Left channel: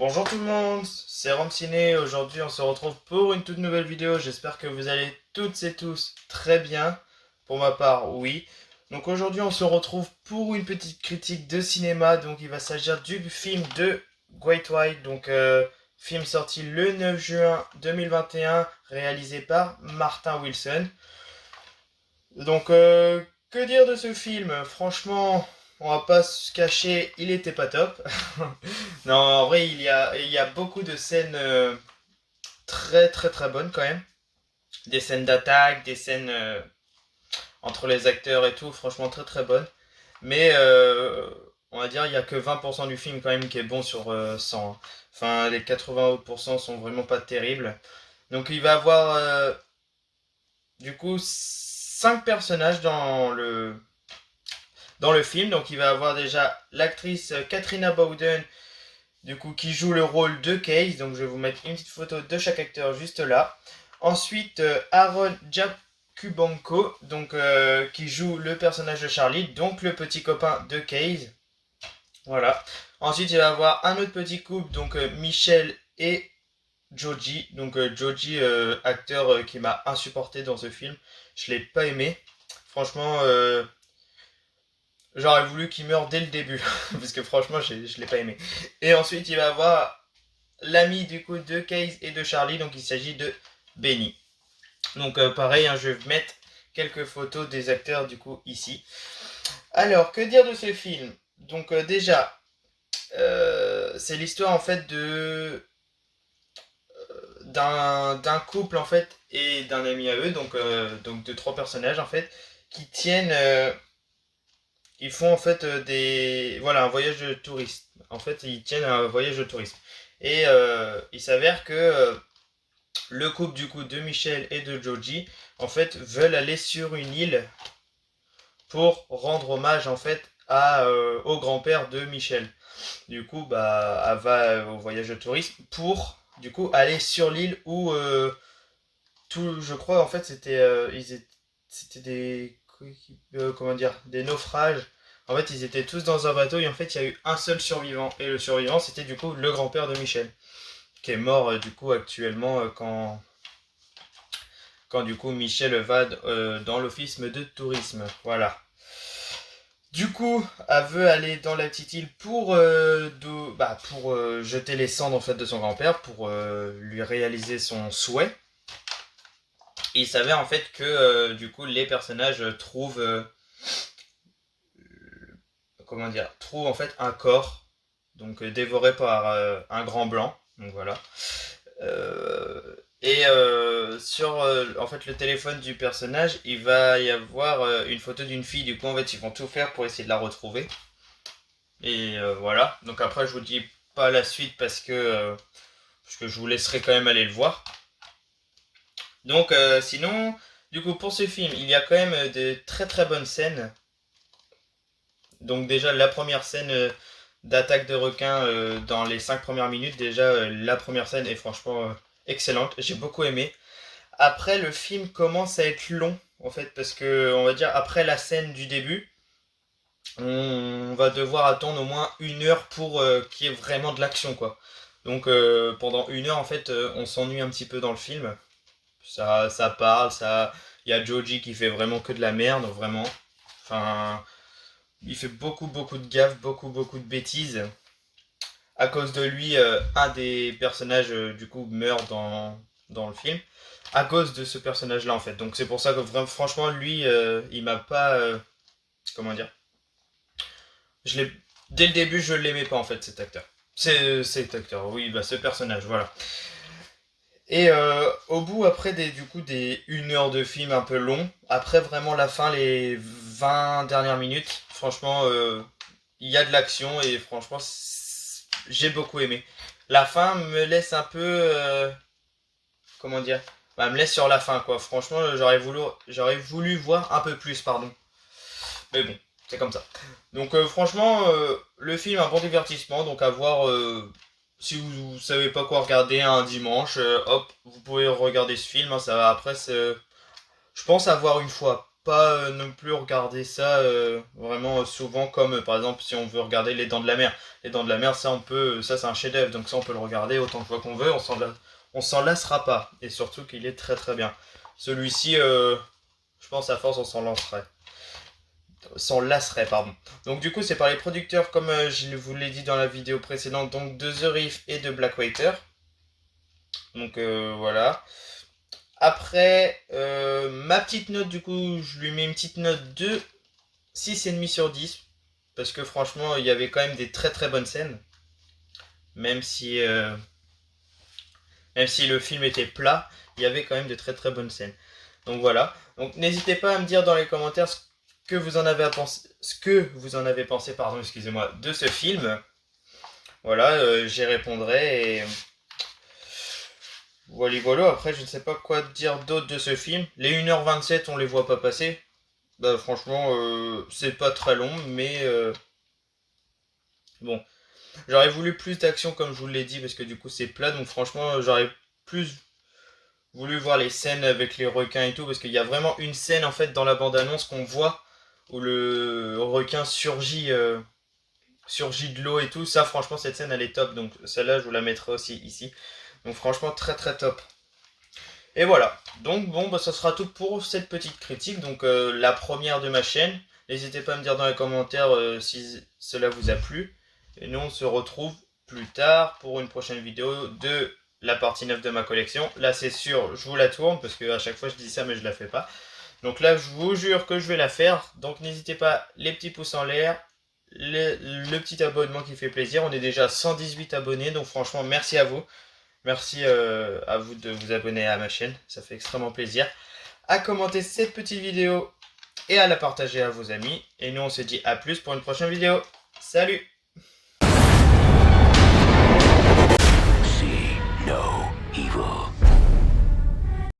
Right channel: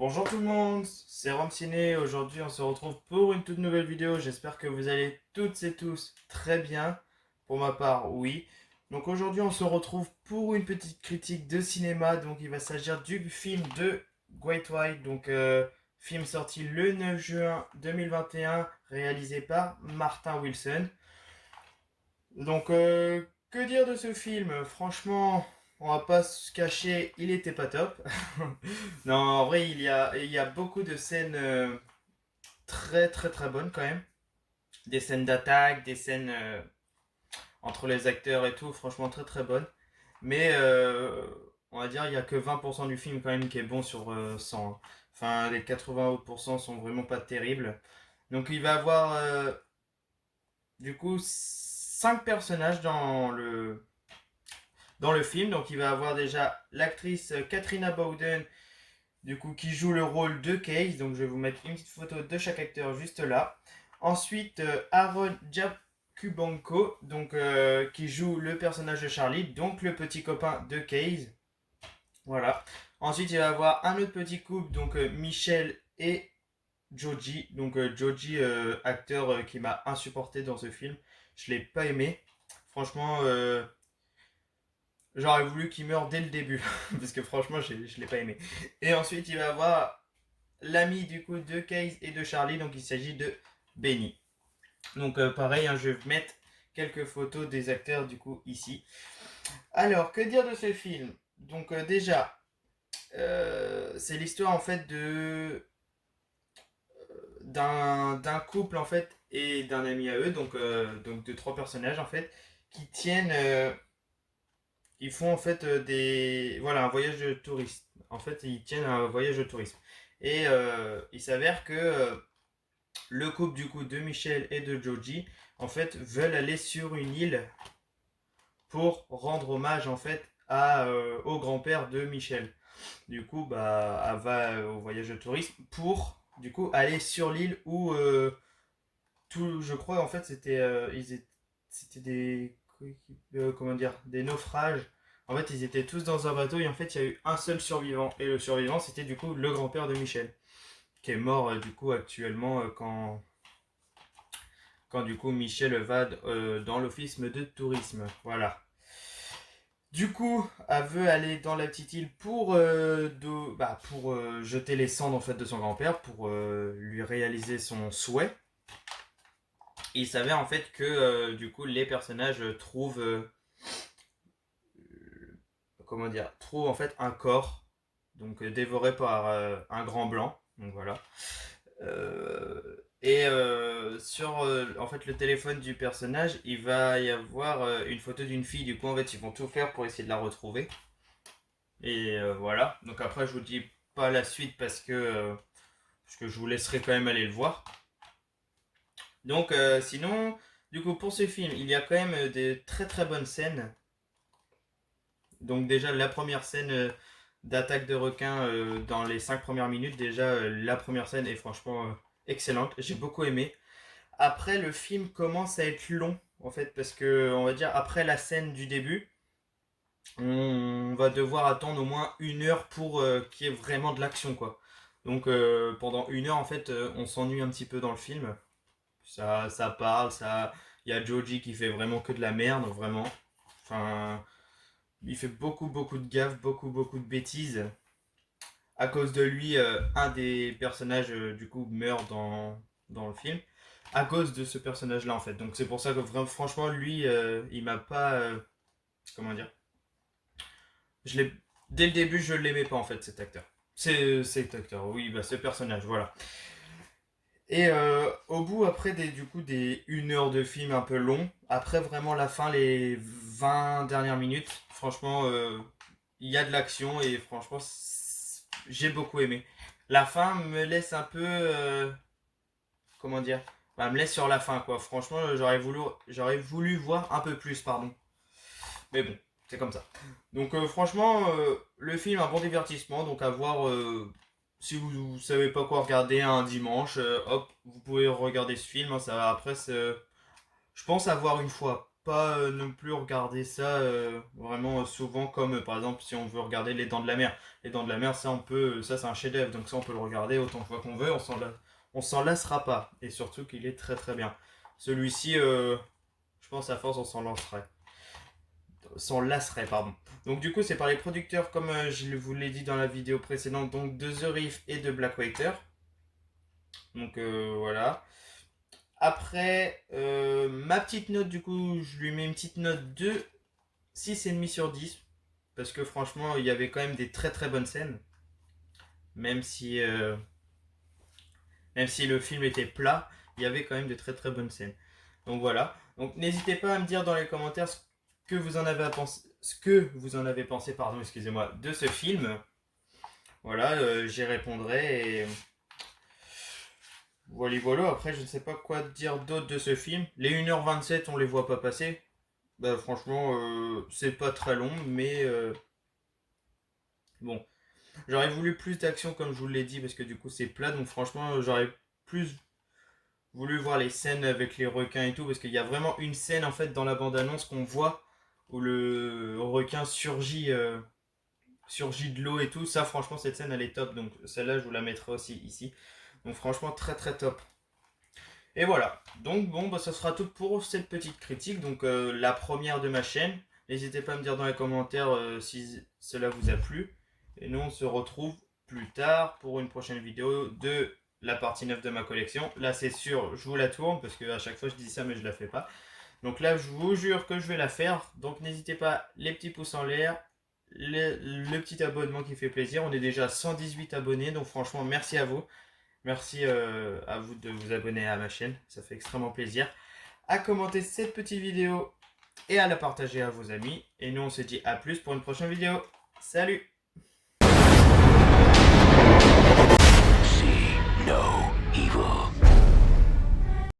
Bonjour tout le monde, c'est Ciné. Aujourd'hui on se retrouve pour une toute nouvelle vidéo. J'espère que vous allez toutes et tous très bien. Pour ma part, oui. Donc aujourd'hui on se retrouve pour une petite critique de cinéma. Donc il va s'agir du film de Great White. Donc film sorti le 9 juin 2021, réalisé par Martin Wilson. Donc que dire de ce film? Franchement, on va pas se cacher, il était pas top. Non, en vrai, il y a beaucoup de scènes très très très bonnes quand même. Des scènes d'attaque, des scènes entre les acteurs et tout, franchement très très bonnes. Mais on va dire il y a que 20% du film quand même qui est bon sur 100, hein. Enfin, les 80 autres pourcents sont vraiment pas terribles. Donc il va avoir du coup 5 personnages dans le film. Donc il va avoir déjà l'actrice Katrina Bowden, du coup, qui joue le rôle de Case. Donc je vais vous mettre une petite photo de chaque acteur juste là. Ensuite, Aaron Jakubanko, donc qui joue le personnage de Charlie, donc le petit copain de Case. Voilà. Ensuite, il va y avoir un autre petit couple, donc Michel et Joji. Donc Joji, acteur qui m'a insupporté dans ce film. Je l'ai pas aimé. Franchement, j'aurais voulu qu'il meure dès le début, parce que franchement, je l'ai pas aimé. Et ensuite, il va y avoir l'ami du coup de Case et de Charlie, donc il s'agit de Benny. Donc pareil, hein, je vais mettre quelques photos des acteurs du coup ici. Alors, que dire de ce film? Donc déjà, c'est l'histoire en fait d'un couple en fait et d'un ami à eux, donc de trois personnages en fait qui tiennent, ils font en fait voilà, un voyage de tourisme. En fait, ils tiennent un voyage de tourisme. Et il s'avère que le couple du coup de Michel et de Joji en fait veulent aller sur une île pour rendre hommage en fait au grand-père de Michel. Du coup, bah, elle va au voyage de tourisme pour du coup aller sur l'île où tout, je crois en fait c'était des comment dire, des naufrages. En fait, ils étaient tous dans un bateau et en fait, il y a eu un seul survivant et le survivant c'était du coup le grand-père de Michel qui est mort du coup actuellement quand du coup Michel va dans l'office de tourisme. Voilà. Du coup, elle veut aller dans la petite île pour jeter les cendres en fait de son grand-père, pour lui réaliser son souhait. Et il s'avère en fait que du coup les personnages trouvent comment dire, trouvent en fait un corps donc dévoré par un grand blanc. Donc voilà. Et sur en fait le téléphone du personnage, il va y avoir une photo d'une fille. Du coup, en fait, ils vont tout faire pour essayer de la retrouver. Et voilà. Donc après, je vous dis pas la suite parce que je vous laisserai quand même aller le voir. Donc sinon, du coup, pour ce film, il y a quand même de très très bonnes scènes. Donc déjà, la première scène d'attaque de requin dans les 5 premières minutes, déjà la première scène est franchement excellente. J'ai beaucoup aimé. Après, le film commence à être long, en fait, parce que, on va dire, après la scène du début, on va devoir attendre au moins 1 heure pour qu'il y ait vraiment de l'action, quoi. Donc, pendant 1 heure, en fait, on s'ennuie un petit peu dans le film. Ça parle, ça. Il y a Joji qui fait vraiment que de la merde, vraiment. Enfin, il fait beaucoup, beaucoup de gaffes, beaucoup, beaucoup de bêtises. À cause de lui, un des personnages, du coup, meurt dans le film à cause de ce personnage-là en fait. Donc c'est pour ça que vraiment, franchement, lui, il m'a pas, comment dire, je l'ai, dès le début, je l'aimais pas en fait cet acteur. C'est cet acteur, oui, bah ce personnage, voilà. Et au bout, après du coup des 1 heure de film un peu long, après vraiment la fin, les 20 dernières minutes, franchement, il y a de l'action et franchement, j'ai beaucoup aimé. La fin me laisse un peu, comment dire, bah, me laisse sur la fin quoi. Franchement, j'aurais voulu voir un peu plus, pardon. Mais bon, c'est comme ça. Donc franchement, le film un bon divertissement, donc à voir. Si vous savez pas quoi regarder un dimanche, hop, vous pouvez regarder ce film, hein. Ça après, je pense avoir une fois. pas non plus regarder ça vraiment souvent comme par exemple si on veut regarder Les Dents de la Mer. Les Dents de la Mer, ça on peut, ça c'est un chef-d'œuvre, donc ça on peut le regarder autant de fois qu'on veut, on s'en lassera pas. Et surtout qu'il est très très bien. Celui-ci, je pense à force on s'en lasserait, pardon. Donc du coup c'est par les producteurs comme je vous l'ai dit dans la vidéo précédente, donc de The Reef et de Black Water. Donc voilà. Après, ma petite note, du coup, je lui mets une petite note de 6,5 sur 10. Parce que franchement, il y avait quand même des très très bonnes scènes. Même si, euh, même si le film était plat, il y avait quand même de très très bonnes scènes. Donc voilà. Donc n'hésitez pas à me dire dans les commentaires ce que vous en avez pensé, pardon, excusez-moi, de ce film. Voilà, j'y répondrai et voilà, après je ne sais pas quoi dire d'autre de ce film. Les 1h27 on les voit pas passer. Bah franchement c'est pas très long mais bon. J'aurais voulu plus d'action comme je vous l'ai dit parce que du coup c'est plat donc franchement j'aurais plus voulu voir les scènes avec les requins et tout parce qu'il y a vraiment une scène en fait dans la bande-annonce qu'on voit où le requin surgit de l'eau et tout. Ça franchement cette scène elle est top donc celle-là je vous la mettrai aussi ici. Donc franchement très très top. Et voilà, donc bon, bah, ça sera tout pour cette petite critique, donc la première de ma chaîne. N'hésitez pas à me dire dans les commentaires si cela vous a plu. Et nous, on se retrouve plus tard pour une prochaine vidéo de la partie 9 de ma collection. Là, c'est sûr, je vous la tourne, parce qu'à chaque fois, je dis ça, mais je la fais pas. Donc là, je vous jure que je vais la faire. Donc n'hésitez pas, les petits pouces en l'air, le petit abonnement qui fait plaisir. On est déjà 118 abonnés, donc franchement, merci à vous. Merci à vous de vous abonner à ma chaîne, ça fait extrêmement plaisir. À commenter cette petite vidéo et à la partager à vos amis. Et nous on se dit à plus pour une prochaine vidéo. Salut! See no evil.